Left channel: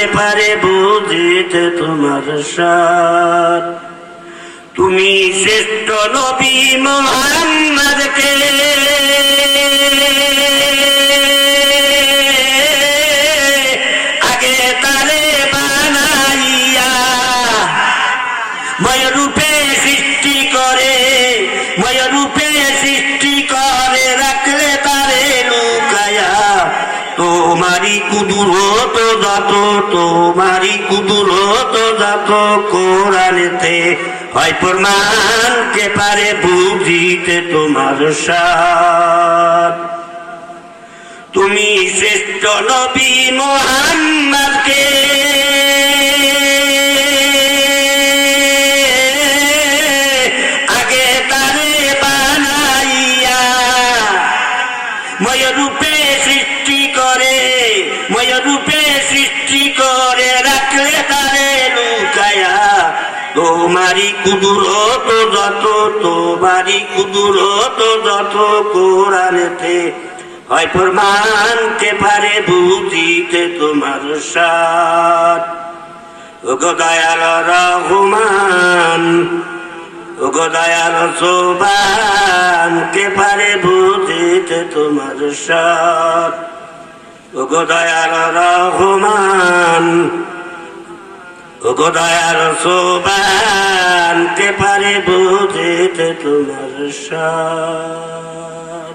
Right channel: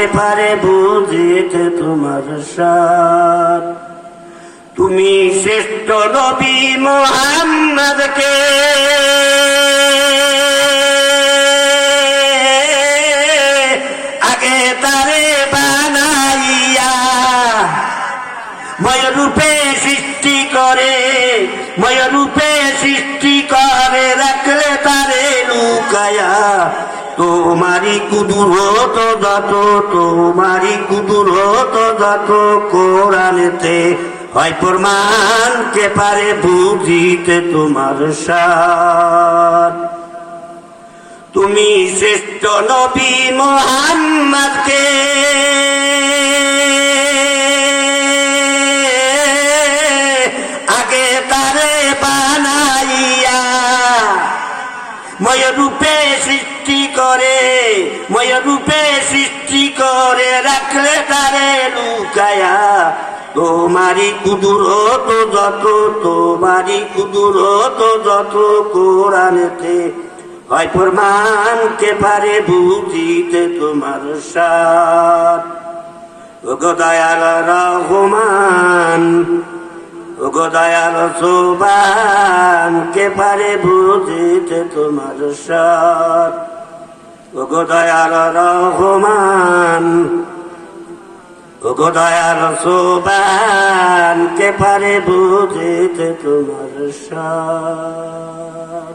কে পারে বুঝিতে তোমার সার। তুমি শ্রেষ্ঠ নবী মুহাম্মদকে আগে তারে বানাইয়া ময়ূরূপে সৃষ্টি করে, ময়ূরূপে সৃষ্টি করে রাখলে তারে লুকায়া। তোমারি কুদরত যত, তোমারি কুদরত যত কোরআনেতে হয় প্রমাণ, কে পারে বুঝিতে তোমার সার। তুমি শ্রেষ্ঠ নবী মুহাম্মদকে আগে তারে বানাইয়া ময়ূরূপে সৃষ্টি করে, ময়ূরূপে সৃষ্টি করে রাখলে তারে লুকায়া। তোমারি কুদরত যত, তোমারি কুদরত যত কোরআনেতে হয় প্রমাণ, কে পারে বুঝিতে তোমার সার। ওগো দয়াল রহমান, ওগো দয়াল সোবান, কে পারে বুঝিতে তোমার সার। ওগো দয়াল রহমান, ওগো দয়াল সোবান, কে পারে বুঝিতে তোমার সার।